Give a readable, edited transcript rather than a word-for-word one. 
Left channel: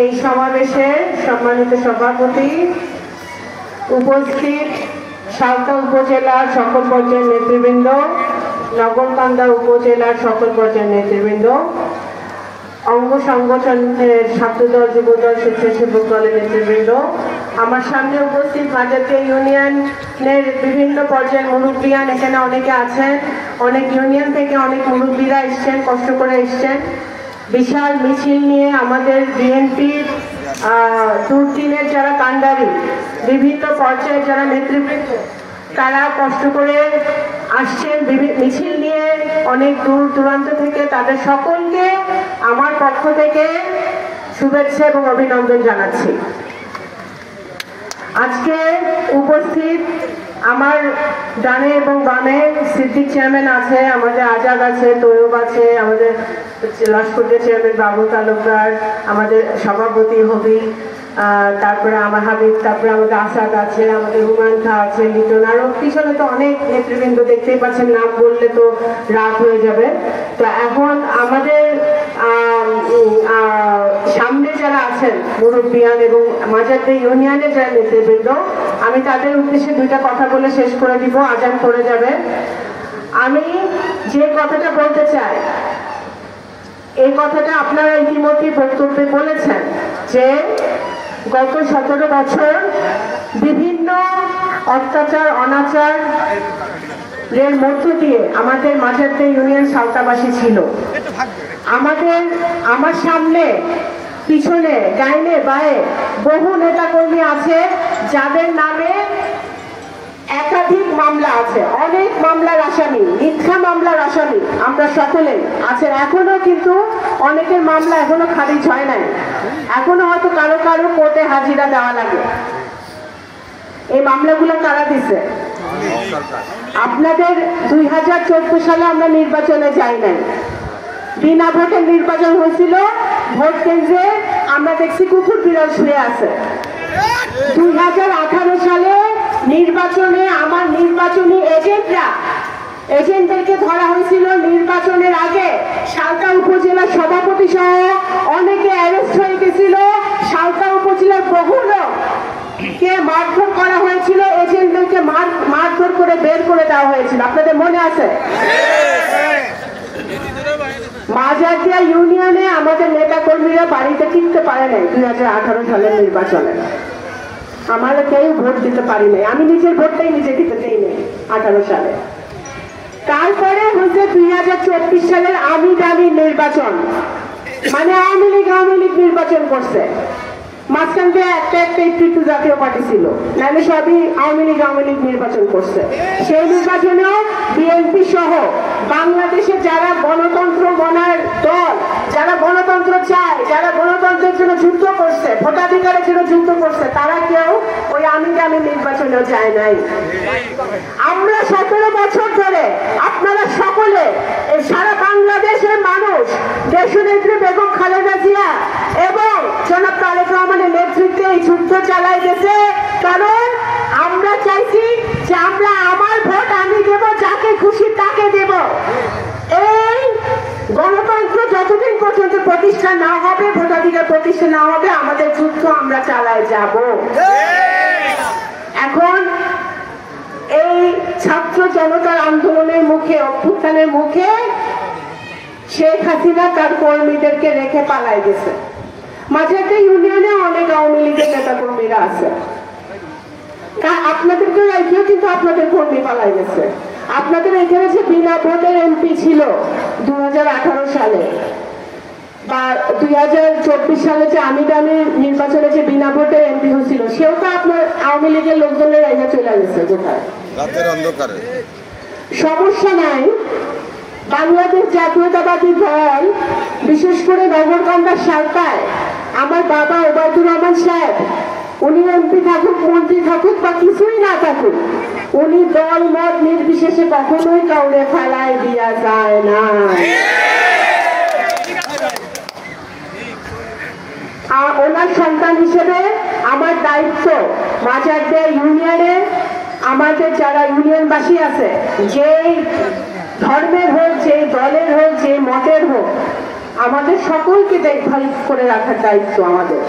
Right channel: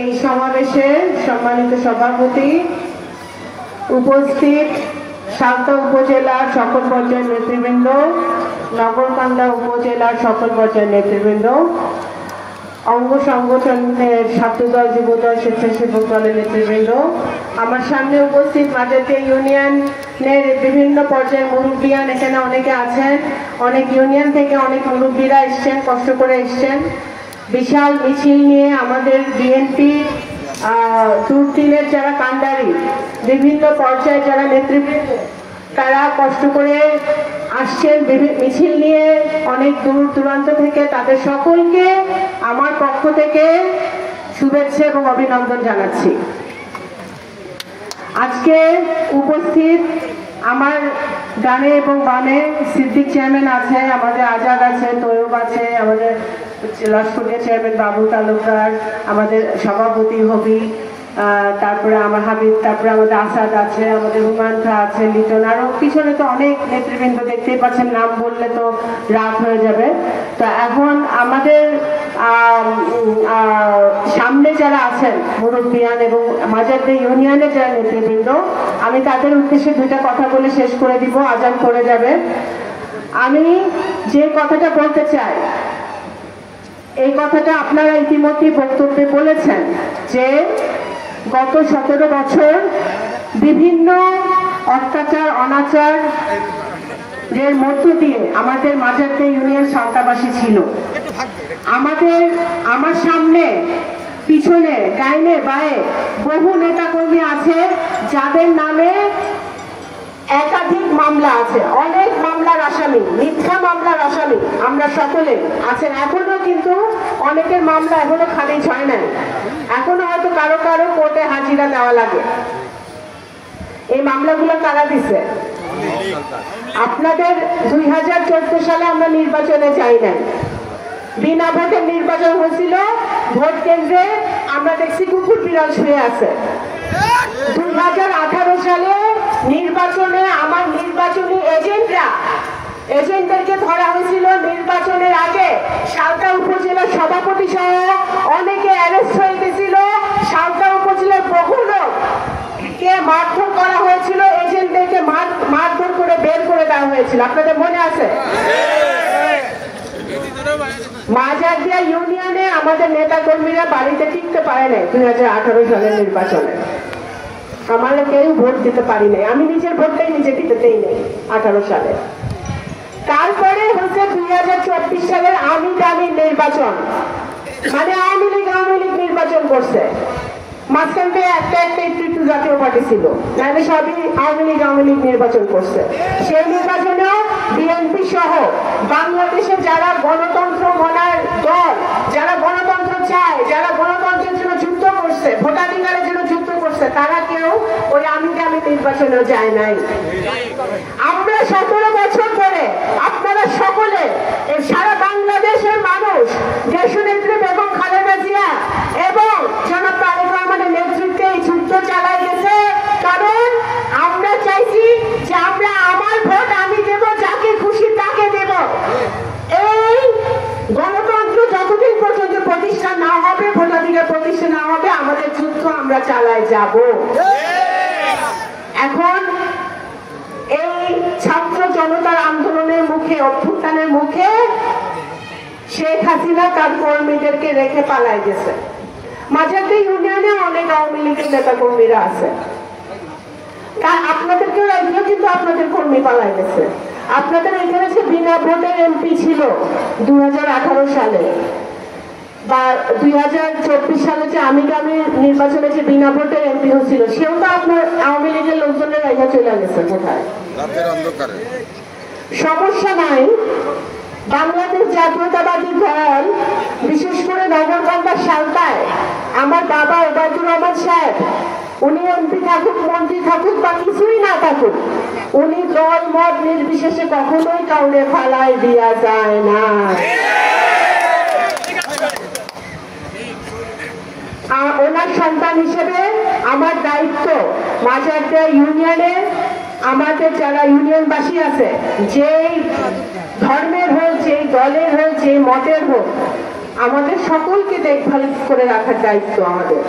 এই সমাবেশে সম্মানিত সভাপতি, উপস্থিত সালতা উপজেলার সকল পর্যায়ের নেতৃবৃন্দ, নগরকান্দা উপজেলার সকল পর্যায়ের নেতৃবৃন্দ, অঙ্গ সংগঠনের ছাত্রদল, যুবদল, স্বেচ্ছাসেবক দলের নেতৃবৃন্দ, আমার সামনে উপস্থিত মাজারদিয়া ইউনিয়নের বিভিন্ন পর্যায়ের মুরব্বিয়ান এখানে অনেকে আছেন। অনেক ইউনিয়ন থেকে অনেক মুরব্বীরা এসছেন, কষ্ট করে এসছেন। বিশাল মিছিল নিয়ে আমাদের বিএনপির দূরদিনের যারা কান্ডারি, বিভিন্ন পর্যায়ে যারা নেতৃবৃন্দ, তারা কষ্ট করে আসছেন মিছিল নিয়ে অনেক দূর দূরান্ত থেকে। তাদের সকলকে আমার পক্ষ থেকে শুভেচ্ছা এবং অভিনন্দন জানাচ্ছি। আজকে উপস্থিত আমার ডানে এবং বামে সিদ্দিক চেয়ারম্যান আছে, আমাদের আজাদ আছে, তৈয়ব আছে, আমাদের লাশপুরের চেয়ারম্যান বাবু তালুকদার, আমাদের সভাপতি হবি, তারপরে আমার হাবিব, তারপরে আমাদের আসাদ আছে, আমাদের হুমায়ুন খা আছে, লিটন, আরো পিছনে তো অনেক নেতৃবৃন্দ দেখতেই পাচ্ছেন, নাম বললে তো রাত হয়ে যাবে। তো এখন আমাদের সামনে যারা আছেন মুরব্বিয়ান এবং মাজারদিয়া ইউনিয়নের যারা নেতৃবৃন্দ, আমি তাদের উদ্দেশ্যে দুইটা কথা বলে শেষ করে দিব, আজান করে যাবে। আমি যে কথাটা বলতে চাই, এই কথাটা আপনারা ইতিমধ্যে বক্তব্যে বলেছেন যে গত 17 বছর বিভিন্ন অত্যাচার, অনাচার এর মধ্য দিয়ে আমাদের মাজারদিয়া ইউনিয়ন সালতাবাসী ছিল। আমার সামনে, পিছনে, ডাইনে বায়ে বহু নেতাকর্মী আছে যাদের নামে একাধিক মামলা আছে, অনেক মামলার আসামি, মিথ্যা মামলার আসামি আমরা সকলে আছেন। এখনো কিন্তু অনেকের মামলা এখনো খারিজ হয় নাই, এখনো হয়তো কারো কারো কোর্টে হাজিরা দেওয়া লাগে। এই মামলাগুলো কারা দিছে? আপনাদের 2014 সালে আমরা নির্বাচনে যাই নাই, বিনা ভোটের নির্বাচন হয়েছিল। ভোট কেন্দ্রে আমরা দেখছি কুকুর বিড়াল শুয়ে আছে। 2018 সালে নির্বাচনে আমার নির্বাচনী এজেন্টদেরকে ধরা হয়েছিল। নির্বাচনের আগে সালতা উপজেলার সভাপতি সহ অনেকে অ্যারেস্ট হয়ে গেছিল। সালতা উপজেলার বহু লোককে মারধর করা হয়েছিল, এজেন্টদেরকে মারধর করে বের করে দেওয়া হয়েছিল। আপনাদের মনে আছে? মাজারদিয়া ইউনিয়নে আমাদের নেতা কর্মীরা বাড়িতে টিকতে পারে নাই 2018 সালের নির্বাচনে। আমরা কেউ ভোট দিতে পারি নাই, আমি নিজের ভোটটাই নিজে দিতে দেই নাই 18 সালে। তারপরে হচ্ছে 2024 সালের আমি দামি নির্বাচন, মানে আওয়ামী লীগ নির্বাচন করছে। মাঝখান দিয়ে একটা একটু জাতীয় পার্টি ছিল, মানে সবই আওয়ামী লীগ নির্বাচন করছে। সেই নির্বাচনেও বিএনপি সহ বাংলাদেশে যারা গণতন্ত্র মনার দল, যারা গণতন্ত্র চায়, যারা গণতন্ত্রের জন্য যুদ্ধ করছে, ভোটাধিকারের জন্য যুদ্ধ করছে, তারা কেউ ওই আমি নির্বাচনেও যায় নাই। আমরা 17 বছর ধরে আপনারা সকলে, সারা বাংলাদেশের মানুষ দেশনেত্রী বেগম খালেদা জিয়া এবং জনাব তারেক রহমানের নেতৃত্বে এই যুদ্ধ চালাই গেছে। কারণ আমরা চাইছি যে আমরা আমার ভোট আমি দেব, যাকে খুশি তাকে দেব। এই গণতন্ত্র যতদিন পর্যন্ত প্রতিষ্ঠা না হবে, ভোটাধিকার প্রতিষ্ঠা না হবে, আমাদের যুদ্ধ আমরা চালাই যাব। এখন এই ছাত্র জনতার আন্দোলনের মুখে, অভ্যুত্থানের মুখে শেখ হাসিনা তার কর্মীদেরকে রেখে পালাই গেছে। মাজারদিয়া ইউনিয়নে অনেক আওয়ামী লীগের নেতা কর্মীরা আছে, আপনাদেরকে রেখেও কিন্তু আপনাদের কর্মী পালাই গেছে। আপনাদের এখানে যে বিনা ভোটের এমপি ছিল 2018 সালে বা 2024 সালে যে আমি নির্বাচনে যে বিনা ভোটের এমপি হচ্ছিল, সেও তো আপনার আওয়ামী লীগের লোকজনের রেখে চলে গেছে। কোথায়? সমস্যা নাই, বাংলাদেশ জাতীয়তাবাদী দল, বিশেষ করে নগরকান্দার সালতায় আমার বাবা ওবায়দুর রহমান সাহেব, উনি এমপি থাকুক, মন্ত্রী থাকুক বা কিছুই না থাকুক, উনি দল মত নির্বিশেষে কখনোই কাউকে ফালাই দিয়া যায় না। ওনার সন্তান হিসেবে আমার দায়িত্ব মাজারদিয়া ইউনিয়নে আমাদের যারা ইউনিয়নবাসী আছে, যে ধর্মের হোক, যে দলের হোক, যে মতের হোক, আমাদের সকলকে দেখভাল করে রাখার দায়িত্ব আমাদের।